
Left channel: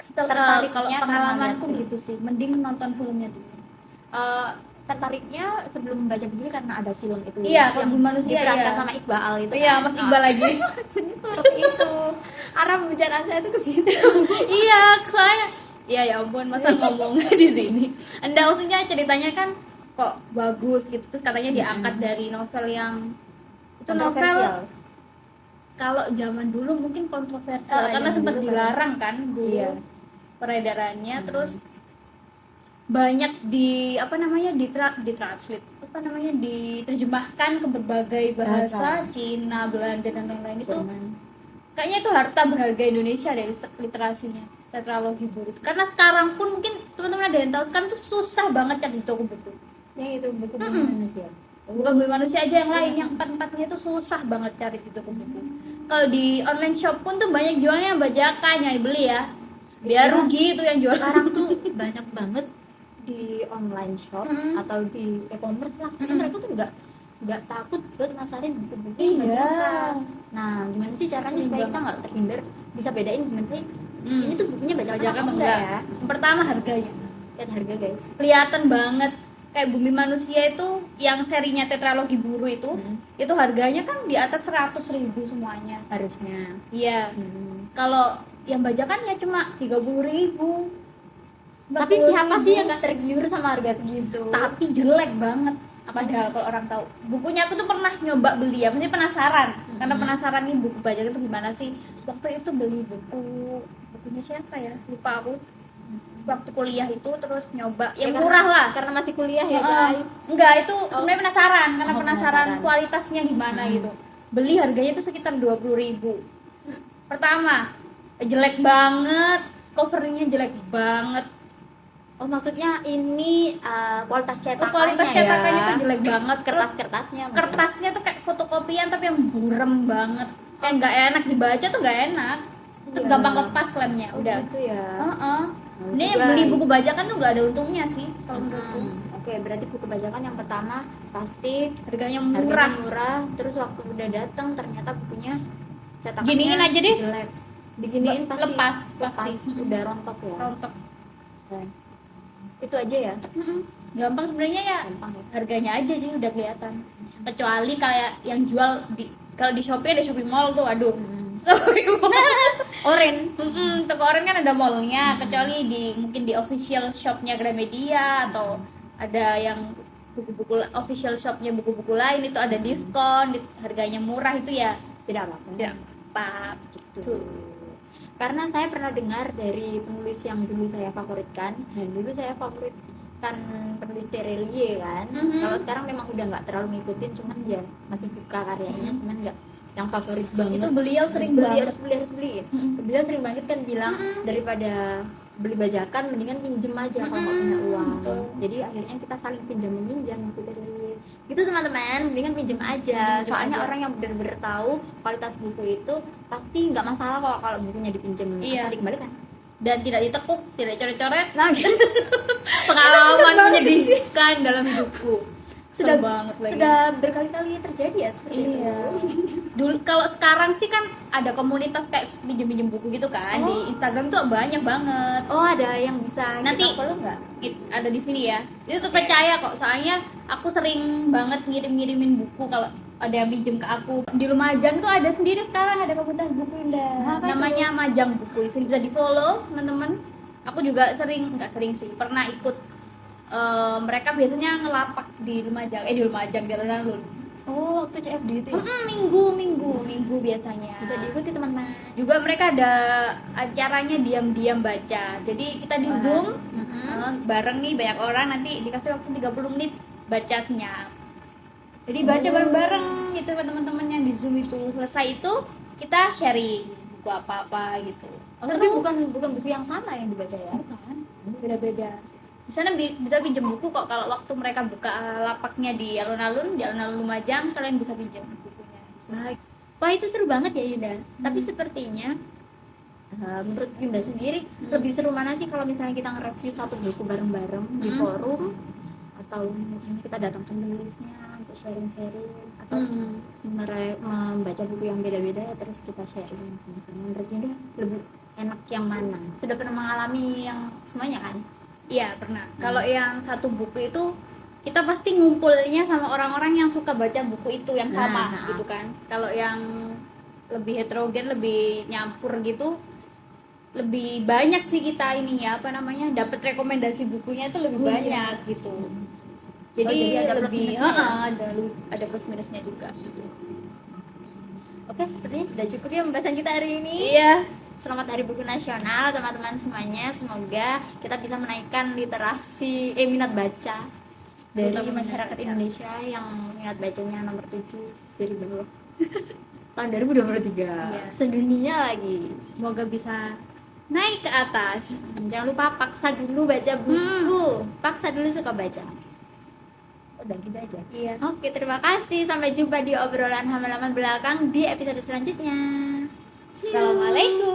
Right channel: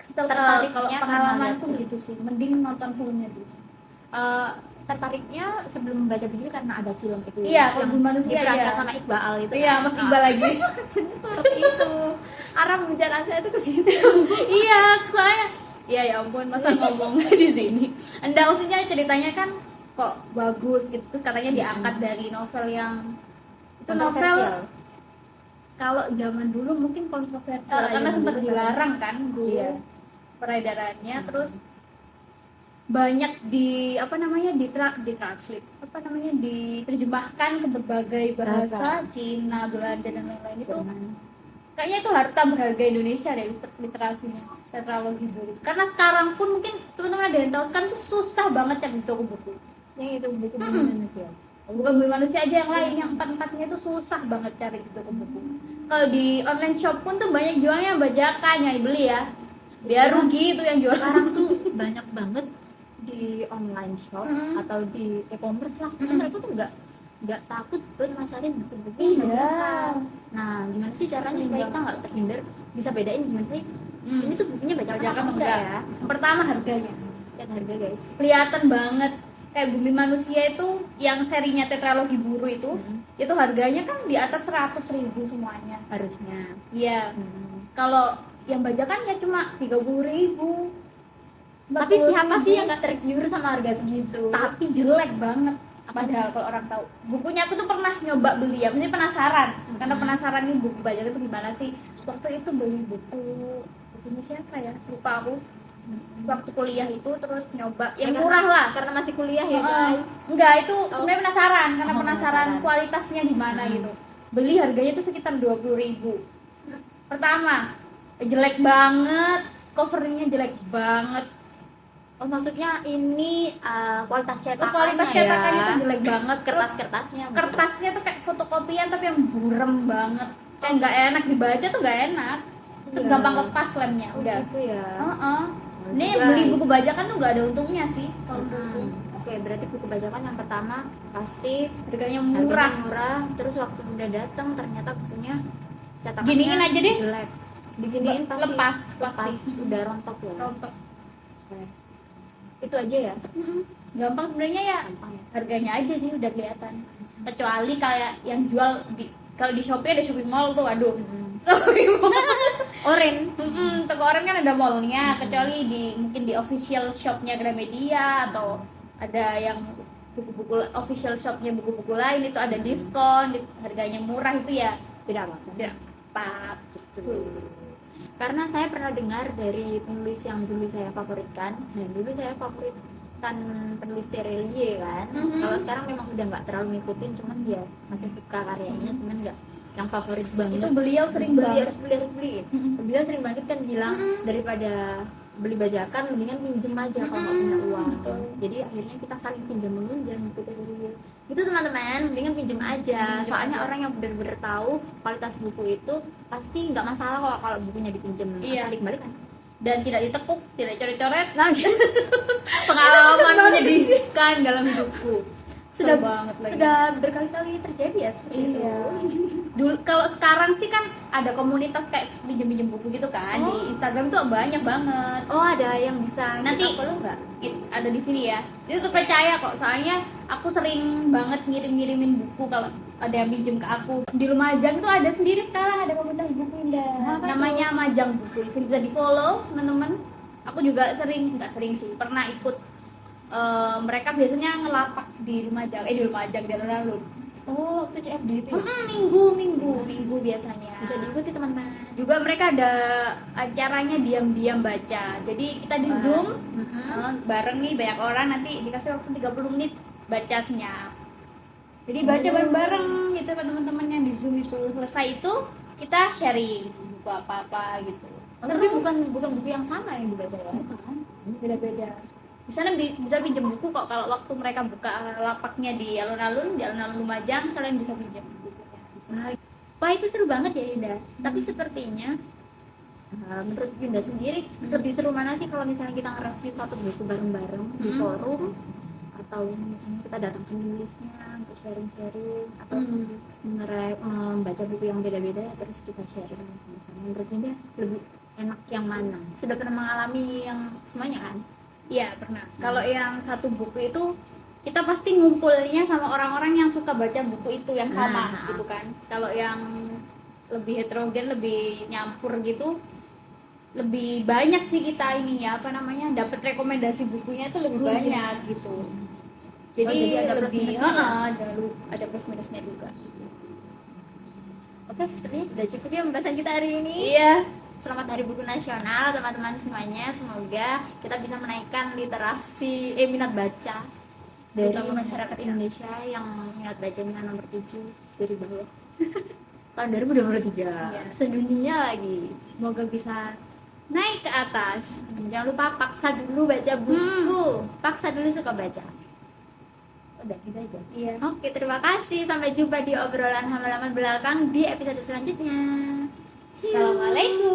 Setelah Tertariknya kalau karena pengalamanku lihat gitu sih, mending nonton filmnya dulu. Tertariknya sebelum baca buku karena ada film itu Iya, yang Bumi Manusia, diperankan iya. sama Iqbal itu. Iya, Mas Iqbal lagi. Seperti itu. Arah pembicaraan saya tuh ke situ. Iya, soalnya ya ampun masa ngomong di sini. Anda maksudnya ceritanya kan kok bagus gitu, terus katanya diangkat dari novel yang itu novel Kontroversial. kalau zaman dulu mungkin kontroversial Ah, karena iya, sempat dulu kan. dilarang kan dulu Iya. peredarannya, terus banyak ditranslate diterjemahkan ke berbagai bahasa, Cina, Belanda dan lain-lain. Itu Jerman. kayaknya itu harta berharga Indonesia deh literasinya, tetralogi buku. Karena sekarang pun mungkin teman-teman ada yang tahu sekarang tuh susah banget cari di toko buku. Yang itu buku manusia. Bukan Bumi Manusia aja, yang lain yang empat-empatnya itu susah banget cari di toko buku. Kalau di online shop pun tuh banyak jualnya bajakan yang dibeli ya. Biar Iya. rugi itu yang jual. Sekarang tuh banyak banget di online shop atau di e-commerce lah. Mereka tuh nggak takut buat masarin buku-buku yang Iya. bajakan. Nah, gimana sih caranya supaya kita nggak terhindar, bisa bedain gimana sih ini tuh bukunya bajakan Bajakan atau enggak enggak. ya? Yang pertama harganya. Lihat harga guys. Kelihatan banget kayak Bumi Manusia itu yang serinya tetralogi buru itu harganya kan di atas 100.000 semuanya. Harusnya. Iya. Kalau yang bajakan ya cuma 30.000. Tapi siapa sih yang nggak tergiur sama harga segitu? Tapi jelek banget. Padahal kalau orang tahu, bukunya aku tuh pernah nyoba beli ya, mesti penasaran. Karena penasaran nih buku bajakan itu gimana sih. Waktu itu beli bukunya siapa ya? Lupa aku. Waktu kuliah itu terus nyoba yang murah lah. Karena masih kuliah ya guys. Enggak, itu sebenarnya penasaran karena penasaran penasaran. kualitasnya gimana gitu. Beli harganya tuh sekitar 20.000. Pertama, jelek banget, covernya jelek banget. Oh maksudnya ini kualitas cetakannya Kualitas cetakannya ya? tuh jelek banget. Kertas-kertasnya. Kertasnya tuh kayak fotokopian tapi yang burem banget. Kayak nggak enak dibaca tuh nggak enak. Terus Iya. gampang lepas lemnya, udah. Gitu ya. Ini Guys. beli buku bajakan tuh nggak ada untungnya sih kalau menurutku. Oke, berarti buku bajakan yang pertama pasti Harganya harganya murah. murah, terus waktu udah datang ternyata bukunya cetakannya Giniin aja deh. jelek. Diginiin pasti Lepas, pasti. udah rontok ya. Rontok. Oke. Itu aja ya. Gampang sebenarnya ya. Gampang ya. Harganya aja sih udah kelihatan. Kecuali kayak yang jual kalau di Shopee ada Shopee Mall tuh, aduh. Shopee Mall. Oren. Toko Oren kan ada mallnya, kecuali mungkin di official shopnya Gramedia atau ada yang buku-buku official shopnya buku-buku lain itu ada diskon, harganya murah itu ya Tidak apa-apa. tidak apa gitu. Karena saya pernah dengar dari penulis yang dulu saya favoritkan, dan dulu saya favoritkan penulis Terelie kan. Kalau sekarang memang udah nggak terlalu ngikutin, cuman dia masih suka karyanya, cuman nggak yang favorit banget. Itu beliau sering beli, banget. harus beli. Beliau sering banget kan bilang daripada beli bajakan mendingan pinjem aja kalau nggak punya uang. Betul. Jadi akhirnya kita saling pinjam minjam gitu teman-teman, mendingan pinjem aja. Soalnya orang yang benar-benar tahu kualitas buku itu pasti nggak masalah kok kalau bukunya dipinjem. Iya. Asal dikembalikan. Dan tidak ditekuk, tidak coret-coret. Nah, gitu. Pengalaman menyedihkan dalam hidupku. Sudah Sudah banget lagi. Sudah berkali-kali terjadi ya seperti Iya. itu. Dulu kalau sekarang sih kan ada komunitas kayak pinjem-pinjem buku gitu kan di Instagram tuh banyak banget. Oh, ada yang bisa Nanti kita follow nggak? Ada di sini ya. Itu tuh percaya kok, soalnya aku sering banget ngirim-ngirimin buku kalau ada yang pinjem ke aku. Di Lumajang tuh ada sendiri sekarang ada komunitas buku Indah. Apa Namanya Majang Buku. Sini bisa di-follow, teman-teman. Aku juga nggak sering sih, pernah ikut. Mereka biasanya ngelapak di Lumajang, di alun-alun Oh, waktu CFD itu ya? Minggu biasanya. Bisa diikuti teman-teman. Juga mereka ada acaranya diam-diam baca. Jadi kita di Wah. Zoom Mm-mm. bareng nih banyak orang, nanti dikasih waktu 30 menit baca senyap. Jadi baca Oh. bareng-bareng gitu teman-teman yang di Zoom itu. Selesai itu kita sharing buku apa-apa gitu. Oh, tapi bukan buku yang sama yang dibaca ya? Bukan, beda-beda. Di sana bisa pinjam buku kok, kalau waktu mereka buka lapaknya di alun-alun Lumajang, kalian bisa pinjam bukunya. Wah, wah, itu seru banget ya Yuda. Tapi sepertinya menurut Yuda sendiri lebih seru mana sih kalau misalnya kita nge-review satu buku bareng-bareng di forum, atau misalnya kita datang ke penulisnya untuk sharing-sharing, atau membaca buku yang beda-beda ya terus kita sharing sama-sama. Menurut Yuda lebih enak yang mana? Sudah pernah mengalami yang semuanya kan? Iya pernah. Kalau yang satu buku itu kita pasti ngumpulnya sama orang-orang yang suka baca buku itu yang sama Nah. gitu kan. Kalau yang lebih heterogen, lebih nyampur gitu, lebih banyak sih kita ini ya apa namanya dapat rekomendasi bukunya itu lebih banyak gitu. Jadi, jadi ada plus lebih minusnya. ada plus minusnya juga. Oke, sepertinya sudah cukup ya pembahasan kita hari ini. Iya. Selamat Hari Buku Nasional teman-teman semuanya. Semoga kita bisa menaikkan literasi minat baca dari Terutama masyarakat minat baca. Indonesia yang minat bacanya nomor 7 dari bawah. Tahun 2023. Iya. Sedunia lagi. Semoga bisa naik ke atas. Jangan lupa paksa dulu baca buku. Paksa dulu suka baca. Udah gitu aja. Iya. Oke, terima kasih. Sampai jumpa di obrolan halaman belakang di episode selanjutnya. See you. Assalamualaikum.